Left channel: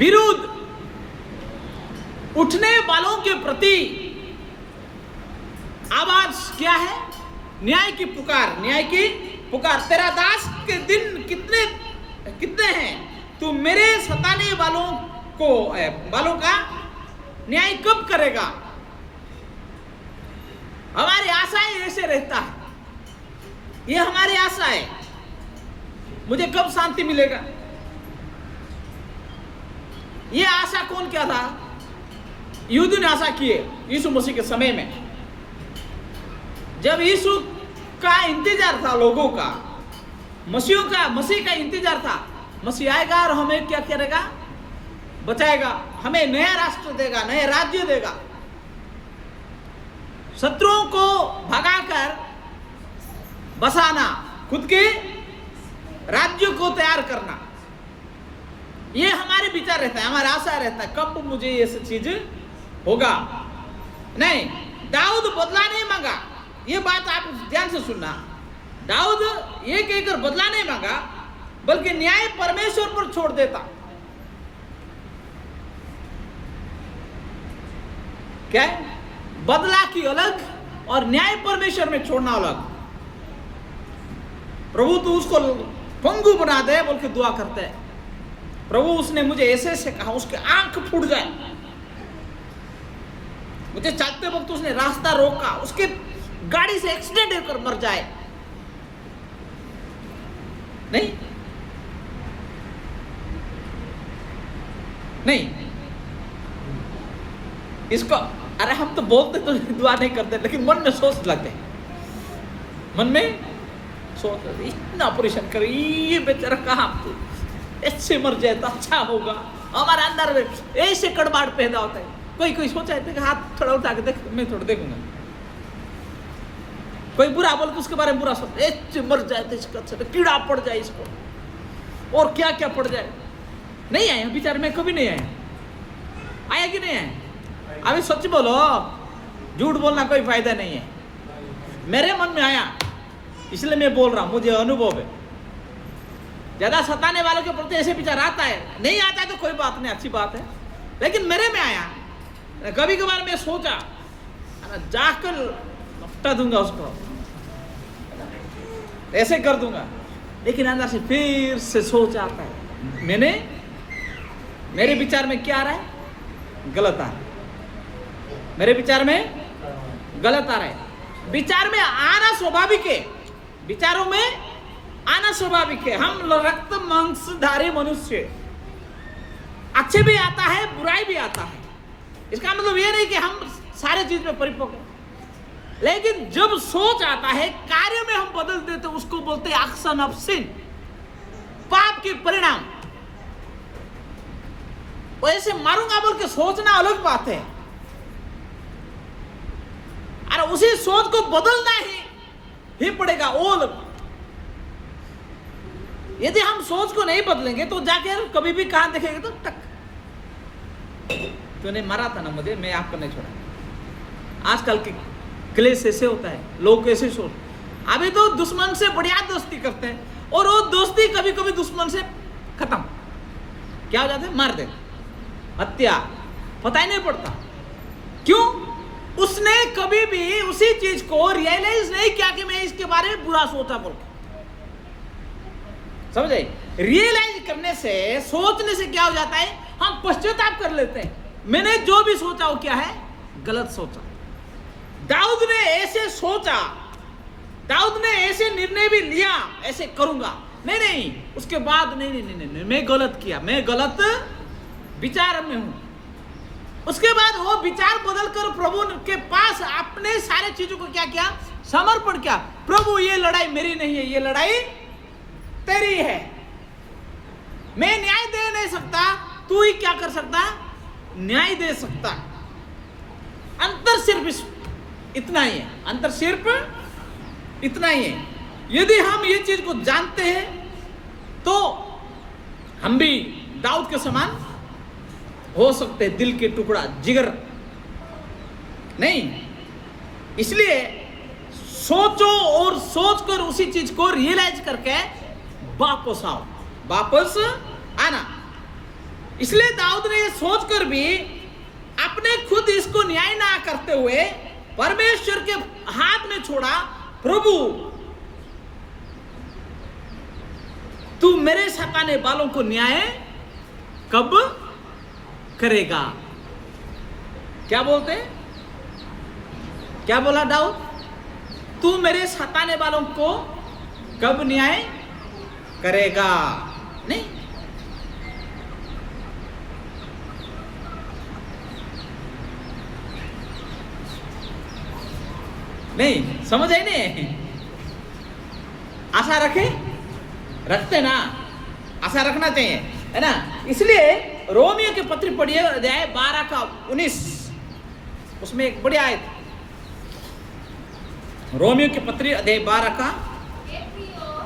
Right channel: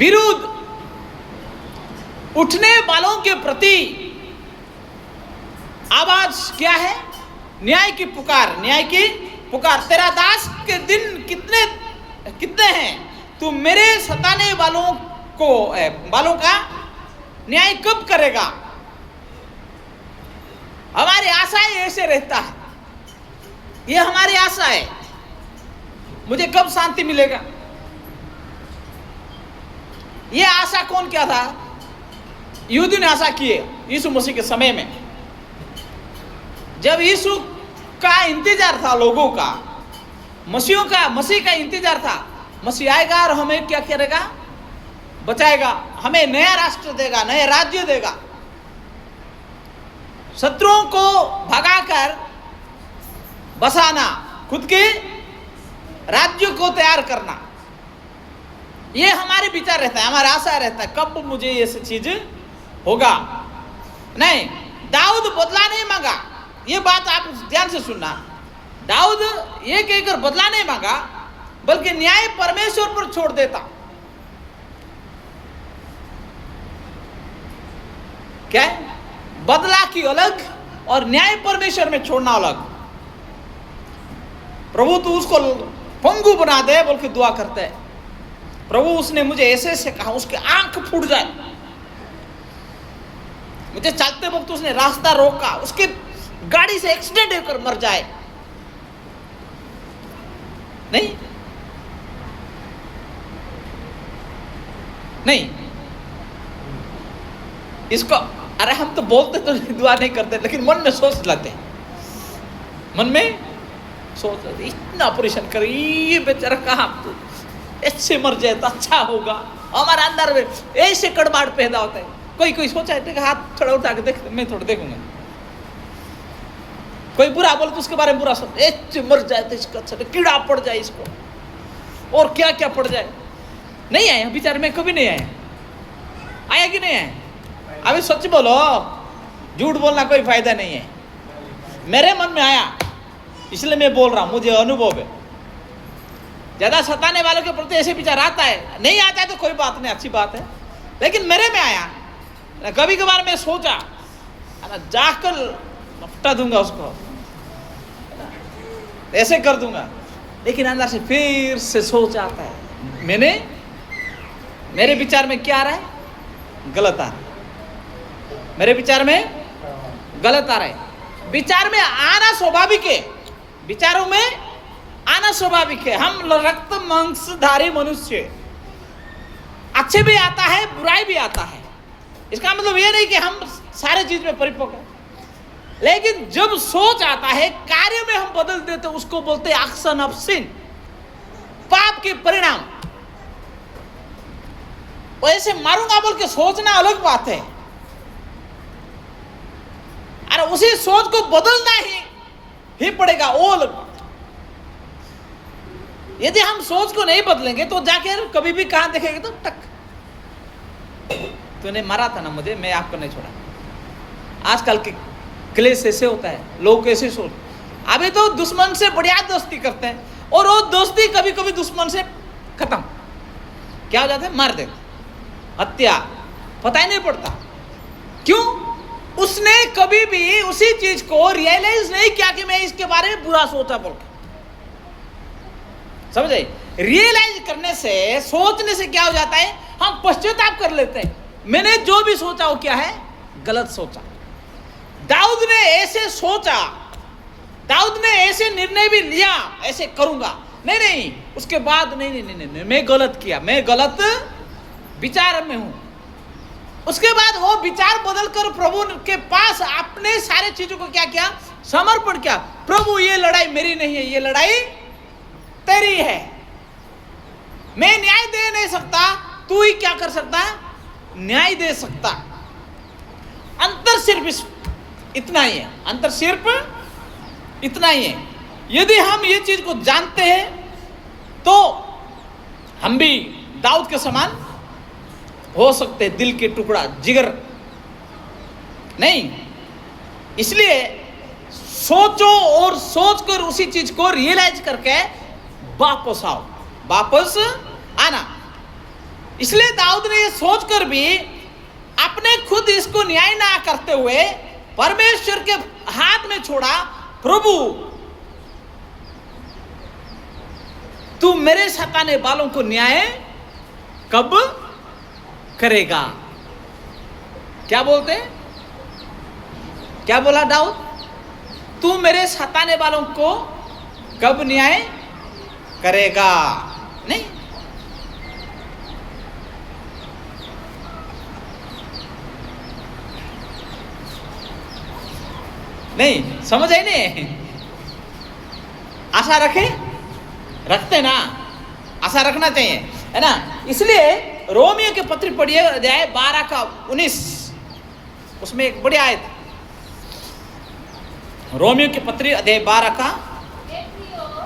विरुद्ध उठने वालों के प्रति आवाज क्या है? न्याय की पुकार, न्याय की पुकार। तेरा दास के दिन कितने कितने हैं, तू मेरे सताने वालों का न्याय कब करेगा? हमारी आशाएं ऐसे रहता है, ये हमारी आशा है, मुझे कब शांति मिलेगा? ये आशा कौन क्या था? यहूदी ने आशा की है यीशु मसीह के समय में, जब यीशु का इंतजार था लोगों का, मसीह का इंतजार था। मसीह आएगा और हमें क्या करेगा? बचाएगा, हमें नया राष्ट्र देगा, नया राज्य देगा, शत्रुओं को भगाकर बसाना, खुद के राज्य को तैयार करना। ये हमारे विचार रहता है, हमारा आशा रहता है, कब मुझे ये सब चीज होगा। नहीं, दाऊद बदला नहीं मांगा। ये बात आप ध्यान से सुनना। दाऊद ये कहकर बदला नहीं मांगा, बल्कि न्याय परमेश्वर पर छोड़ देता। क्या है? बदला की अलग और न्याय परमेश्वर में छोड़ना अलग। प्रभु तू उसको पंगु बना दे बोल के दुआ करते हैं। प्रभु उसने मुझे ऐसे ऐसे कहा, उसके आंख फूट जाए, मुझे चलते वक्त उसने रास्ता रोका, उसके गाड़ी से एक्सीडेंट होकर मर जाए। नहीं नहीं, इसको अरे हम तो बोलते तो दुआ नहीं करते, लेकिन मन में सोच लेते हैं, मन में सोच लेते, इतना ऑपरेशन कर, ये बेचारा कहाँ तो ऐसे मर जाए तो अच्छा होगा। हमारे अंदर में ऐसे कड़वाहट पैदा होता है। कोई सोचा है कि हाथ थोड़ा उठा के देख, मैं थोड़ा देखूंगा। कोई बुरा बोले तो उसके बारे में बुरा सोच, ऐसे मर जाए तो इसका अच्छा कीड़ा पड़ जाए इसको, और क्या क्या पड़ जाए। नहीं आया बेचारे में, कभी नहीं आया कि नहीं आया? अभी सच बोलो, झूठ बोलना कोई फायदा नहीं है। मेरे मन में आया, इसलिए मैं बोल रहा हूं, मुझे अनुभव है। ज्यादा सताने वालों के प्रति ऐसे विचार आता है, नहीं आता है तो कोई बात नहीं, अच्छी बात है, लेकिन मेरे में आया। कभी कभार मैं सोचा जाकर लपटा दूंगा उसको, ऐसे कर दूंगा, लेकिन अंदर से फिर से सोच आता है, मेरे विचार में क्या आ रहा है? गलत आ रहा है, मेरे विचार में गलत आ रहा है। विचार में आना स्वाभाविक है, विचारों में आना स्वाभाविक है। हम रक्त मांसधारी मनुष्य, अच्छे भी आता है, बुराई भी आता है। इसका मतलब ये नहीं कि हम सारे चीज में परिपक्व हैं, लेकिन जब सोच आता है, कार्य में हम बदल देते, उसको बोलते हैं एक्शन ऑफ सिन, पाप के परिणाम। वैसे मारूंगा बोल के सोचना अलग बात है, अरे उसी सोच को बदलना ही पड़ेगा, वो अलग। यदि हम सोच को नहीं बदलेंगे तो जाकर कभी भी कहां देखेंगे तो टक, तूने मारा था ना मुझे, मैं आपको नहीं छोड़ा। आजकल के क्लेश ऐसे होता है, लोग ऐसे सोच, अभी तो दुश्मन से बढ़िया दोस्ती करते हैं, और वो दोस्ती कभी कभी दुश्मन से खत्म क्या हो जाता है? मार देते, हत्या, पता ही नहीं पड़ता। क्यों? उसने कभी भी उसी चीज को रियलाइज नहीं किया कि मैं इसके बारे में बुरा सोचा बोल के। समझे? रियलाइज करने से, सोचने से क्या हो जाता है? हम पश्चाताप कर लेते हैं, मैंने जो भी सोचा वो क्या है? गलत सोचा। दाऊद ने ऐसे सोचा, दाऊद ने ऐसे निर्णय भी लिया, ऐसे करूंगा, नहीं, उसके बाद नहीं, मैं गलत किया, मैं गलत विचार में हूं। उसके बाद वो विचार बदलकर प्रभु के पास अपने सारे चीजों को क्या किया? समर्पण किया। प्रभु ये लड़ाई मेरी नहीं है, ये लड़ाई तेरी है, मैं न्याय दे नहीं सकता, तू ही क्या कर सकता? न्याय दे सकता। अंतर सिर्फ इतना ही है, अंतर सिर्फ इतना ही है। यदि हम ये चीज को जानते हैं तो हम भी दाऊद के समान हो सकते हैं, दिल के टुकड़ा, जिगर नहीं। इसलिए सोचो और सोचकर उसी चीज को रियलाइज करके वापस आओ, वापस आना। इसलिए दाऊद ने ये सोचकर भी अपने खुद इसको न्याय ना करते हुए परमेश्वर के हाथ में छोड़ा, प्रभु तू मेरे सताने वालों को न्याय कब करेगा। क्या बोलते हैं, क्या बोला दाऊद, तू मेरे सताने वालों को कब न्याय करेगा। नहीं, नहीं समझ आई नहीं। आशा रखते ना, आशा रखना चाहिए, है ना। इसलिए रोमियो के पत्री पढ़िए, अध्याय 12 का 19, उसमें एक बड़ी आयत, रोमियो के पत्री अध्याय 12 का,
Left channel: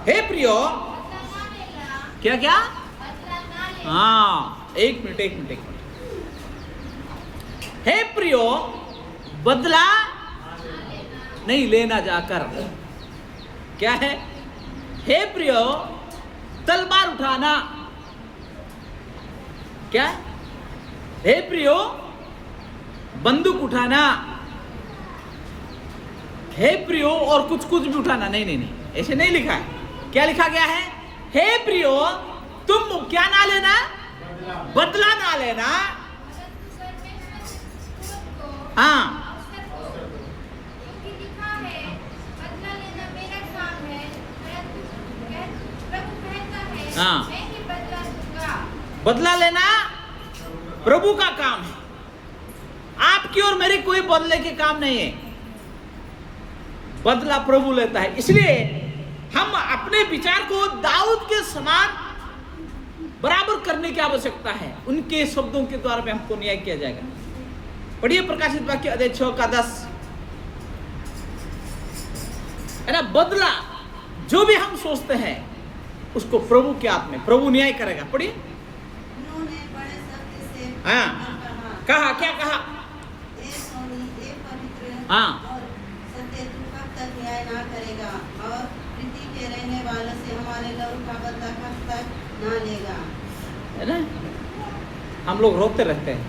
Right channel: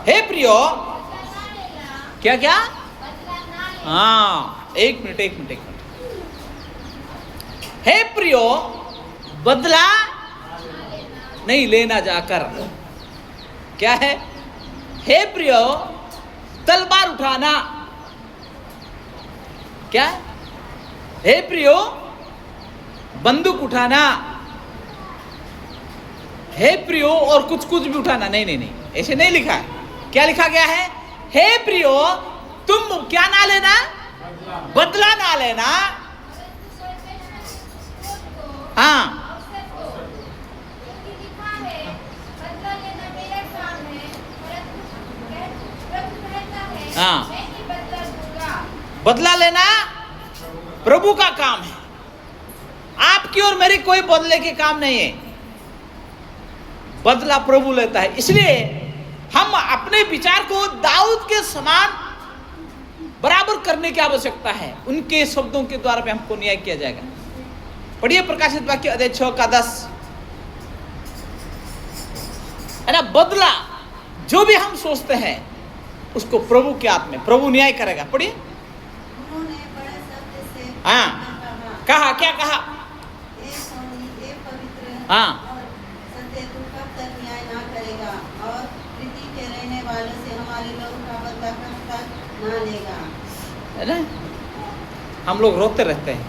हे प्रियो, क्या क्या, हाँ एक मिनट, हे प्रियो बदला नहीं लेना जाकर, क्या है, हे प्रियो तलवार उठाना, क्या, हे प्रियो बंदूक उठाना, हे प्रियो और कुछ भी उठाना, नहीं, ऐसे नहीं लिखा है। क्या लिखा गया है, हे प्रियो तुम क्या ना लेना, बदला ना लेना, हाँ हाँ, बदला लेना प्रभु का काम है, आपकी और मेरी कोई बदले के काम नहीं है, बदला प्रभु लेता है। इसलिए हम अपने विचार को दाऊद के समान बराबर करने की आवश्यकता है, उनके शब्दों के द्वारा पे हमको न्याय किया जाएगा। पढ़िए प्रकाशित वाक्य अध्याय 6 का 10, है ना। बदला जो भी हम सोचते हैं उसको प्रभु के हाथ में, प्रभु न्याय करेगा। पढ़िए, हाँ कहा, क्या कहा, हाँ तू कब तक न्याय ना करेगा और प्रीति के रहने वालों से हमारे लोगों का बदला कब तक ना लेगा। है ना, हम लोग रोते रहते हैं,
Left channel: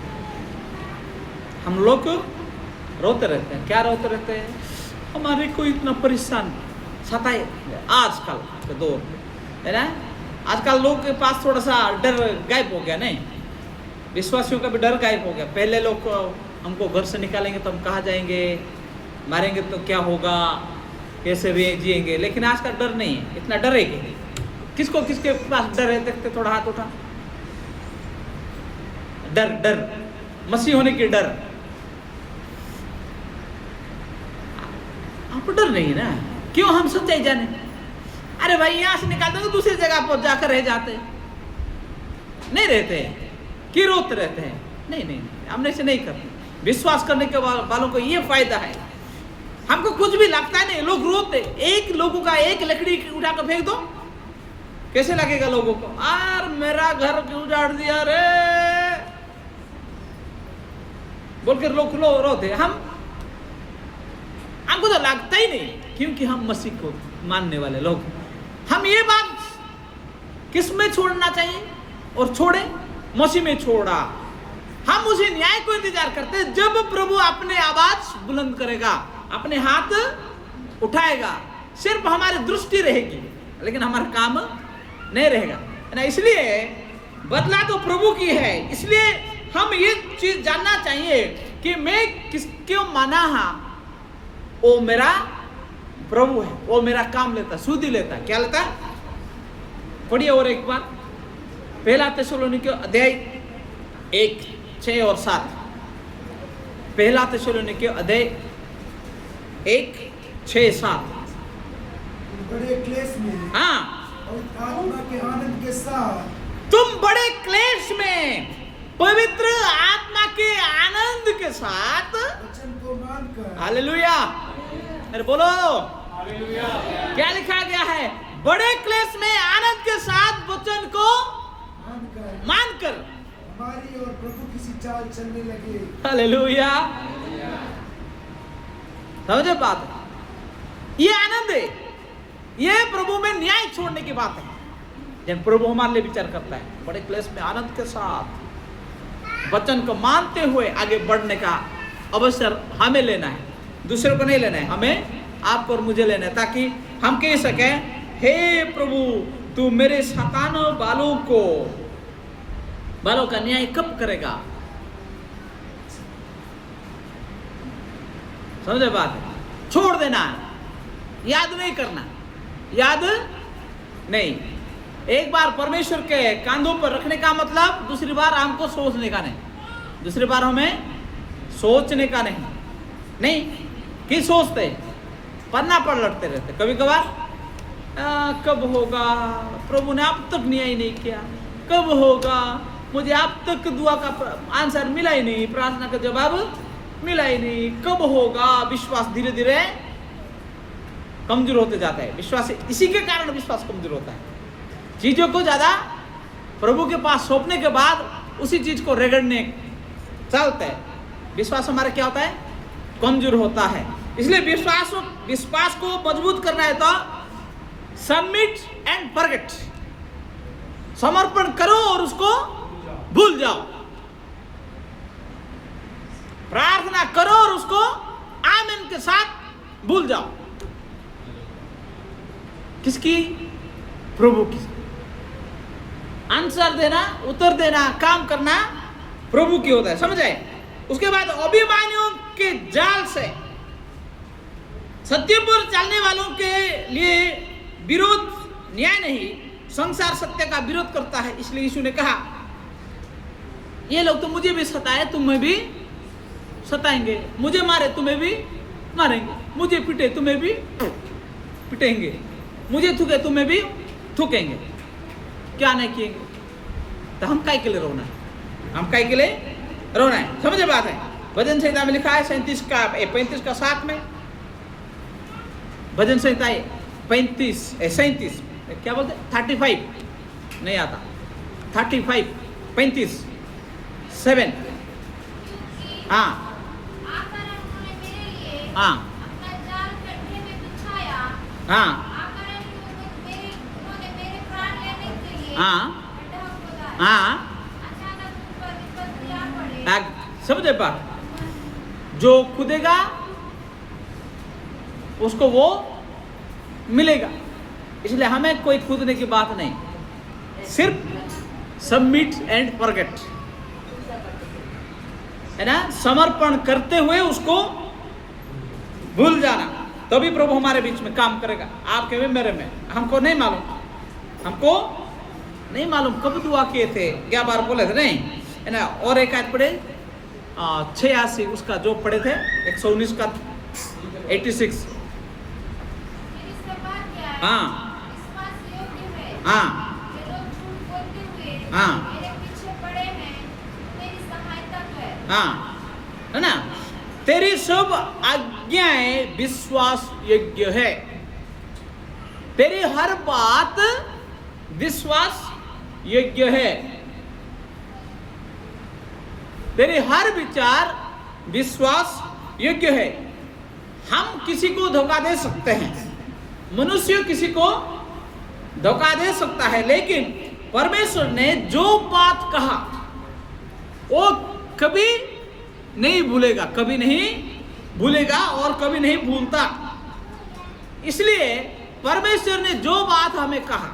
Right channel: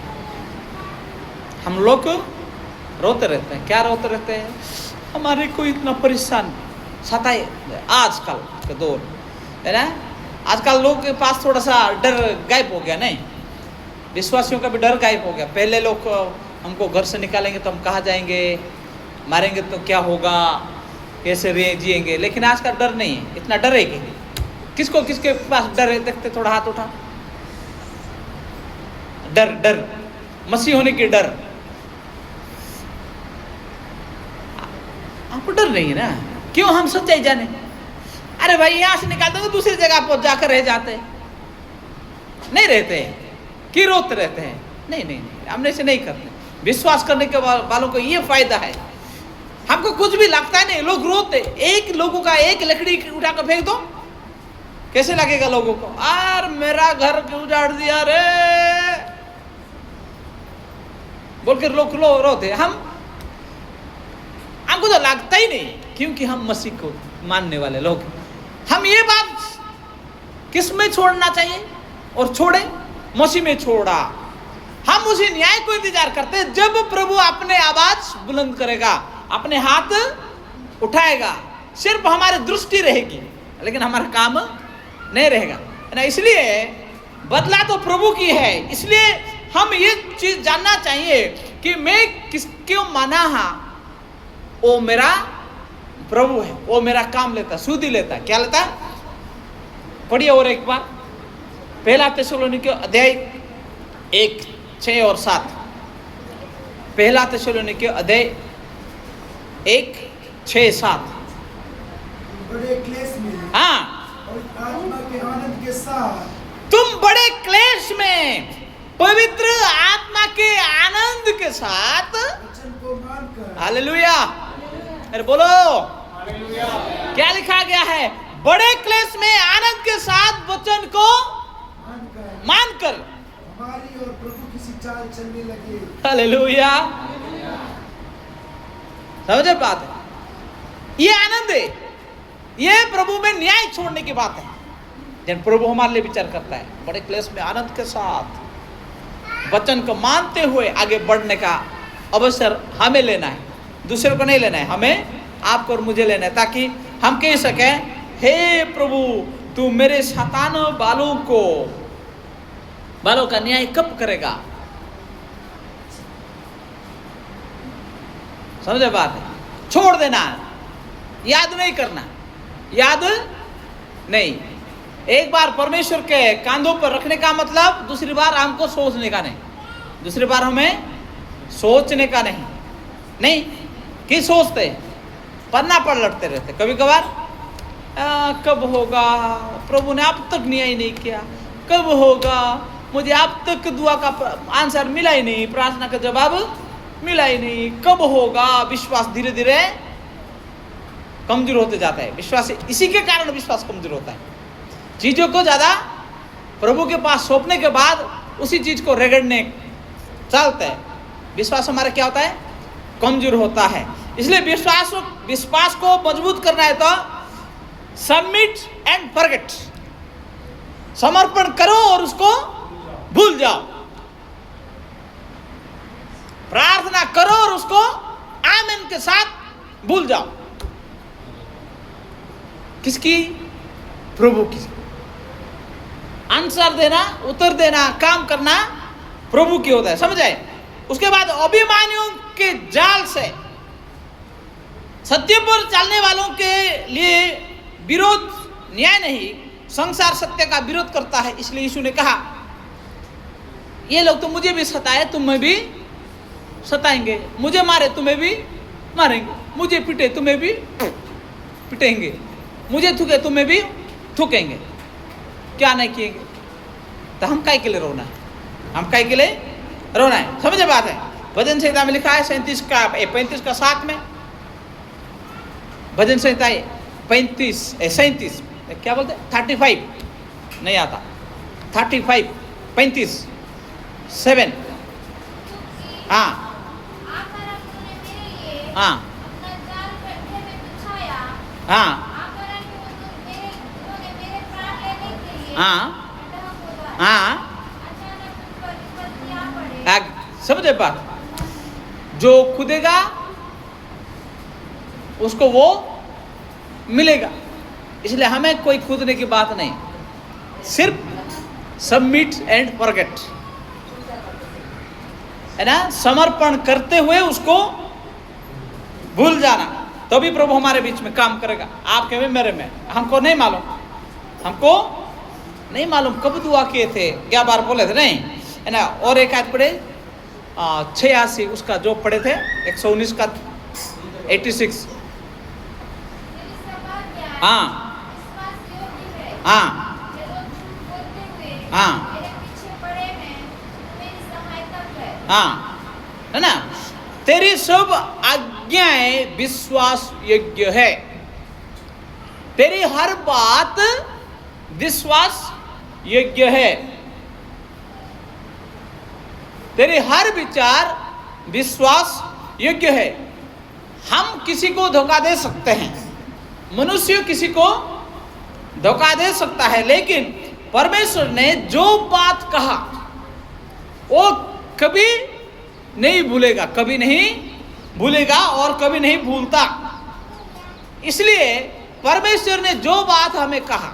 हम लोग रोते रहते हैं, क्या रोते रहते हैं, हमारे को इतना परेशान सताए आजकल के दौर, है ना। आजकल लोग के पास थोड़ा सा डर गायब हो गया, नहीं, विश्वासियों का भी डर गायब हो गया। पहले लोग हमको घर से निकालेंगे तो हम कहाँ जाएंगे, मारेंगे तो क्या होगा, कैसे जिएंगे, लेकिन आज का डर नहीं है, इतना डर है कि किसको, किसके पास डर है, देखते थोड़ा हाथ उठा, डर मसीह होने की डर, आपको डर नहीं है ना, क्यों हम सच्चाई जाने, अरे भाई यहाँ से निकालते तो दूसरी जगह पर जाकर रह जाते, नहीं रहते, कि रोते रहते हैं, नहीं, हम ऐसे नहीं करते। विश्वास करने के वालों को ये फायदा है, हमको कुछ भी लगता है नहीं, लोग रोते, एक लोगों का एक लकड़ी उठा कर फेंक दो, कैसे लगेगा लोगों को, यार मेरा घर क्यों उजाड़ दिया रे, बोल के लोग रोते। हमको तो लगता ही नहीं, क्योंकि हम मसीह को मानने वाले लोग। हम ये बात किस में छोड़ना चाहिए और छोड़े, मसीह में छोड़ा। हम उसी न्याय को इंतजार करते हैं जब प्रभु अपने आवाज बुलंद करेगा, अपने हाथ उठाएगा, सिर्फ हमारी दृष्टि रहेगी लेकिन हमारा काम नहीं रहेगा, है ना। इसलिए बदला तो प्रभु की है। इसलिए हम ये चीज जानना चाहिए कि मैं किसको माना, वो मेरा प्रभु है, वो मेरा काम लेता, सुधि लेता, क्या लेता, पढ़िए और एक बार, पहला थिस्सलुनीके अध्याय 1:6 और 7, पहला थिस्सलुनीके अध्याय 1:6-7, बड़े क्लेश में, हाँ, और आत्मा के आनंद के साथ, तुम बड़े क्लेश में पवित्र आत्मा के आनंद के साथ वचन को मानकर, हालेलुया, अरे बोलो हालेलुया, क्या लिखा गया है, बड़े क्लेश में आनंद के साथ वचन को मानकर हमारी और प्रभु की सी चाल चलने लगे। हालेलुया, समझे बात है, ये आनंद है, ये प्रभु में न्याय छोड़ने की बात है। जब प्रभु हमारे लिए विचार करता है, बड़े क्लेश में आनंद के साथ वचन को मानते हुए आगे बढ़ने का अवसर हमें लेना है, दूसरे को नहीं लेना है, हमें आपको और मुझे लेना है, ताकि हम कह सकें हे प्रभु तू मेरे शैतान बालों का न्याय कब करेगा। समझे बात है? छोड़ देना, याद नहीं करना, याद नहीं। एक बार परमेश्वर के कांधों पर रखने का मतलब दूसरी बार हमको सोचने का नहीं, दूसरी बार हमें सोचने का नहीं कि सोचते पन्ना पर लड़ते रहते कभी कभार, कब होगा, प्रभु ने अब तक न्याय नहीं किया, कब होगा, मुझे अब तक दुआ का आंसर मिला ही नहीं, प्रार्थना का जवाब मिला ही नहीं, कब होगा। विश्वास धीरे धीरे कमजोर होते जाता है, विश्वास इसी के कारण विश्वास कमजोर होता है। चीजों को ज्यादा प्रभु के पास सौंपने के बाद उसी चीज को रगड़ने चलता है, विश्वास हमारा क्या होता है, कमजोर होता है। इसलिए विश्वास को मजबूत करना है तो सबमिट एंड फॉरगेट, समर्पण करो और उसको भूल जाओ, प्रार्थना करो और उसको आमीन के साथ भूल जाओ। किसकी? प्रभु की। आंसर देना, उत्तर देना, काम करना प्रभु की होता है, समझ आए? उसके बाद अभिमानियों के जाल से सत्य पर चलने वालों के लिए विरोध न्याय नहीं, संसार सत्य का विरोध करता है। इसलिए यीशु ने कहा ये लोग तो मुझे भी सताए, तुम्हें भी सताएंगे, मुझे मारे तुम्हें भी मारेंगे, मुझे पीटे तुम्हें भी पिटेंगे, मुझे थूके तुम्हें भी थूकेंगे, क्या नहीं किएंगे। तो हम काय के लिए रोना है, हम काय के लिए रोना है, समझे बात है? भजन संहिता में लिखा है 35 का 7 में, भजन संहिता 37 क्या बोलते हैं, 35 नहीं आता, 35 7 हाँ हाँ हाँ हाँ हाँ, समझे बात? जो कूदेगा उसको वो मिलेगा। इसलिए हमें कोई कूदने की बात नहीं, सिर्फ सबमिट एंड फॉरगेट, है ना, समर्पण करते हुए उसको भूल जाना, तभी प्रभु हमारे बीच में काम करेगा, आपके में मेरे में। हमको नहीं मालूम कब दुआ किए थे, क्या बार बोले थे नहीं, है ना। और एक आज पढ़े 86 उसका जो पढ़े थे 119 का 86 हाँ हाँ हाँ हाँ, है ना। तेरी सब आज्ञाएं विश्वास योग्य है, तेरी हर बात विश्वास योग्य है, तेरे हर विचार विश्वास योग्य है। हम किसी को धोखा दे सकते हैं, मनुष्य किसी को धोखा दे सकता है, लेकिन परमेश्वर ने जो बात कहा वो कभी नहीं भूलेगा, कभी नहीं भूलेगा और कभी नहीं भूलता। इसलिए परमेश्वर ने जो बात हमें कहा,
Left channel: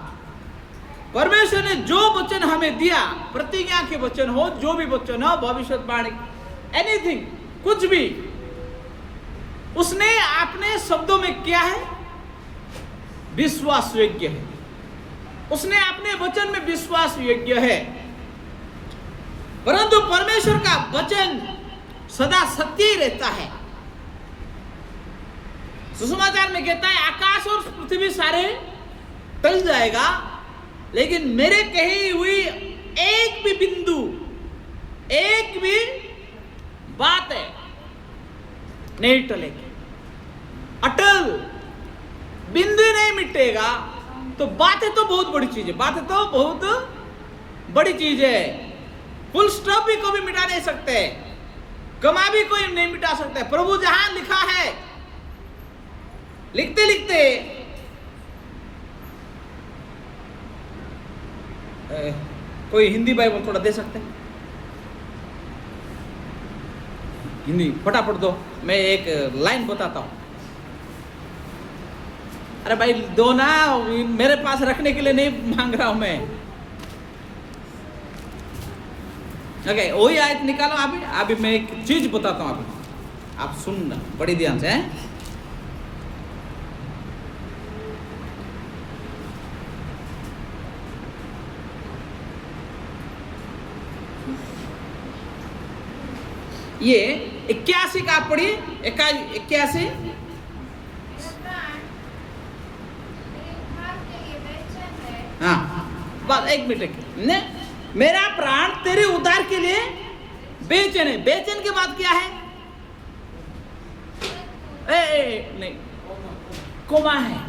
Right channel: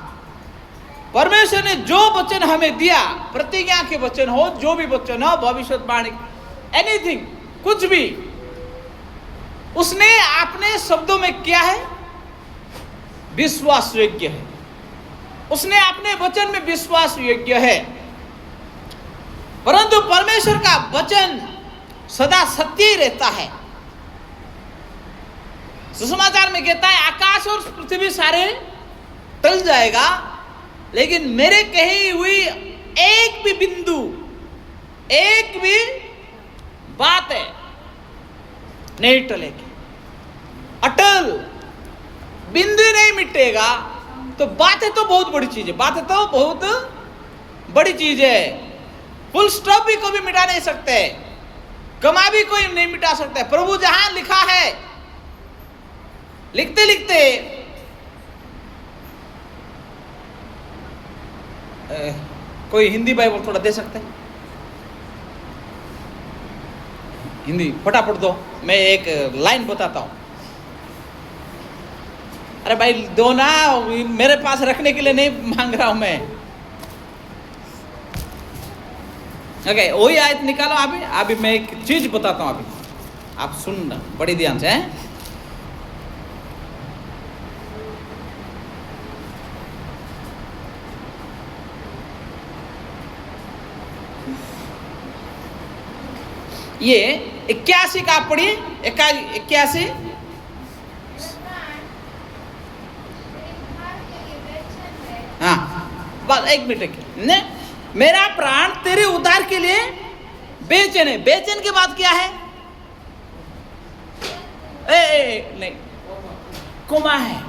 परमेश्वर ने जो वचन हमें दिया, प्रतिज्ञा के वचन हो, जो भी वचन हो, भविष्यवाणी, एनीथिंग, कुछ भी, उसने अपने शब्दों में किया है विश्वास योग्य है, उसने अपने वचन में विश्वास योग्य है। परंतु परमेश्वर का वचन सदा सत्य ही रहता है। सुसमाचार में कहता है आकाश और पृथ्वी सारे टल जाएगा, लेकिन मेरे कही हुई एक भी बिंदु, एक भी बात है नहीं टलेगी, अटल, बिंदु नहीं मिटेगा। तो बातें तो बहुत बड़ी चीज है, बातें तो बहुत बड़ी चीज है। फुल स्टॉप भी कोई मिटा नहीं सकते, कमा भी कोई नहीं मिटा सकता। प्रभु जहां लिखा है, लिखते लिखते कोई हिंदी बाइबल थोड़ा दे सकते हैं? हिंदी फटाफट दो, मैं एक लाइन बताता हूँ। अरे भाई दो ना, मेरे पास रखने के लिए नहीं मांग रहा हूं मैं। ओके, वही आयत निकालो। अभी मैं एक चीज बताता हूं, अभी आप सुनना बड़ी ध्यान से हैं? ये 81 का आप पढ़िए, 81। हाँ बस एक मिनट ने, मेरा प्राण तेरे उद्धार के लिए बेचैन है। बेचैन के बाद क्या है? नहीं, कोमा है।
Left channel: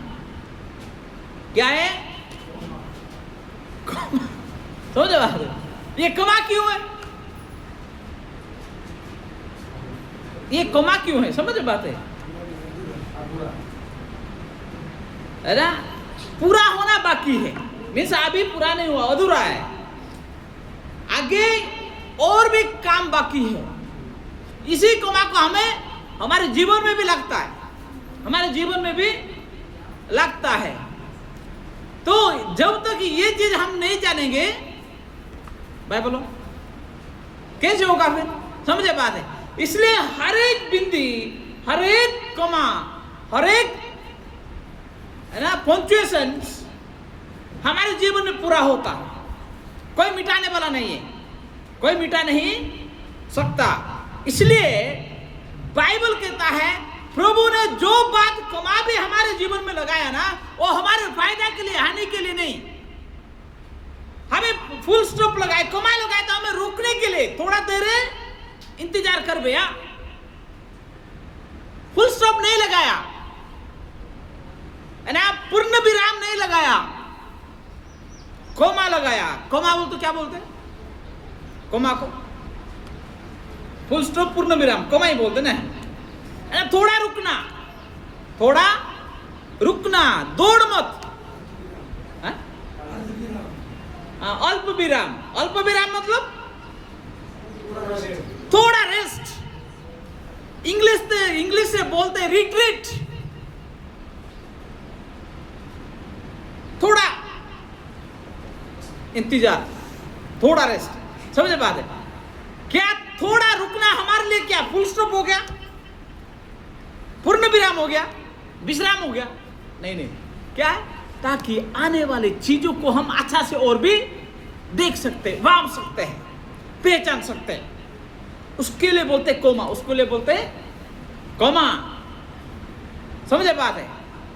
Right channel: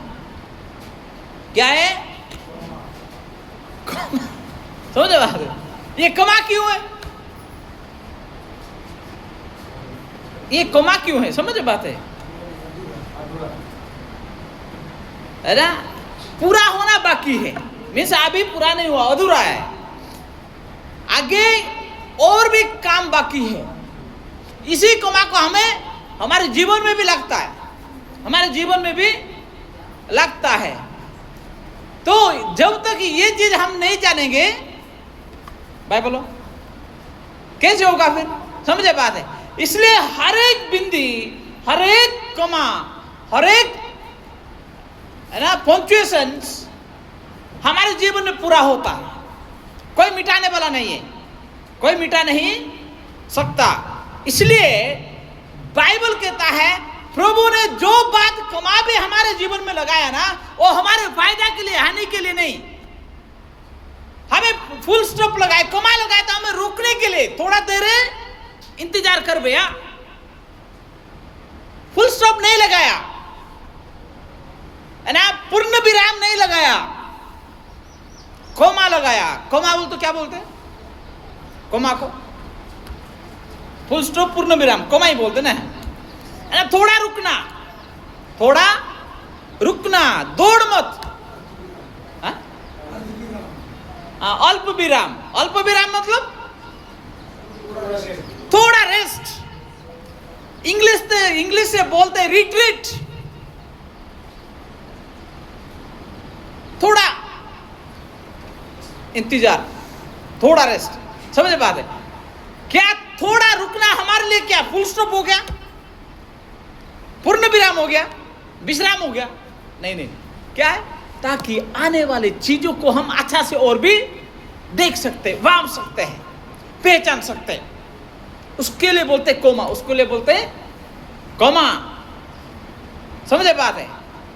क्या है? समझे बात? ये कोमा क्यों है? ये कोमा क्यों है? समझे बात है? अरे पूरा होना बाकी है, मीन्स अभी पूरा नहीं हुआ, अधूरा है। आगे और भी काम बाकी है। इसी कोमा को हमें हमारे जीवन में भी लगता है, हमारे जीवन में भी लगता है। तो जब तक ये चीज हम नहीं जानेंगे, भाई बोलो कैसे होगा फिर? समझे बात है? इसलिए हर एक बिंदी, हर एक कोमा, हर एक है ना पंक्चुएशंस हमारे जीवन में पूरा होता है। कोई मिटाने वाला नहीं है, कोई मिटा नहीं सकता। इसलिए बाइबल कहता है प्रभु ने जो बात कमा भी हमारे जीवन में लगाया ना, वो हमारे फायदा के लिए, हानि के लिए नहीं। हमें फुल स्टॉप लगाए, कमा लगाया तो हमें रोकने के लिए, थोड़ा देर इंतजार कर भैया, फुल स्टॉप नहीं लगाया है ना, पूर्ण विराम नहीं लगाया, कोमा लगाया। कोमा बोल तो क्या बोलते हैं? कोमा को फुल स्टॉप, पूर्ण विराम, कोमा ही बोलते ना। थोड़ा रुकना, थोड़ा रुकना, दौड़ मत। अल्प विराम, अल्प विराम मतलब थोड़ा रेस्ट। इंग्लिश से बोलते हैं रिट्रीट। थोड़ा इंतजार, थोड़ा रेस्ट। समझे बात है? क्या थोड़ा रुकना हमारे लिए क्या फुल स्टॉप हो गया, पूर्ण विराम हो गया, विश्राम हो गया? नहीं नहीं, क्या है? ताकि आने वाले चीजों को हम अच्छा से और भी देख सकते, वाम सकते हैं, पहचान सकते हैं। उसके लिए बोलते कोमा, उसके लिए बोलते कोमा। समझे बात है?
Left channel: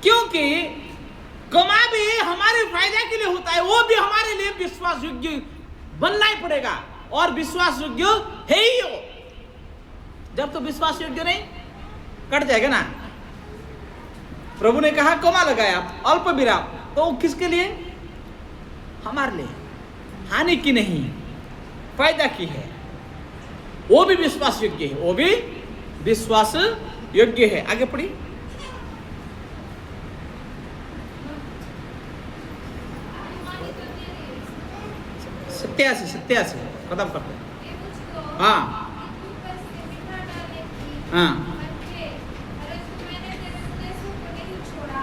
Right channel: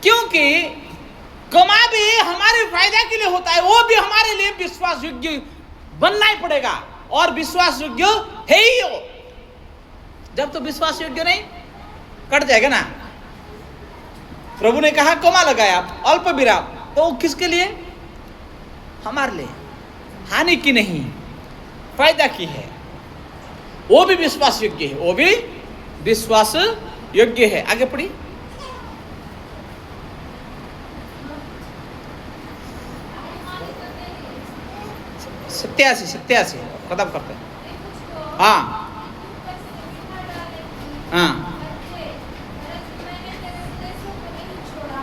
क्योंकि कोमा भी हमारे फायदा के लिए होता है, वो भी हमारे लिए विश्वास योग्य बनना ही पड़ेगा, और विश्वास योग्य है ही हो। जब तो विश्वास योग्य नहीं, कट जाएगा ना। प्रभु ने कहा कोमा लगाया, अल्प विराम, तो किसके लिए? हमारे लिए, हानि की नहीं, फायदा की है। वो भी विश्वास योग्य है, वो भी विश्वास योग्य है। आगे पढ़ी। सत्यासी खत्म करते हैं। हाँ,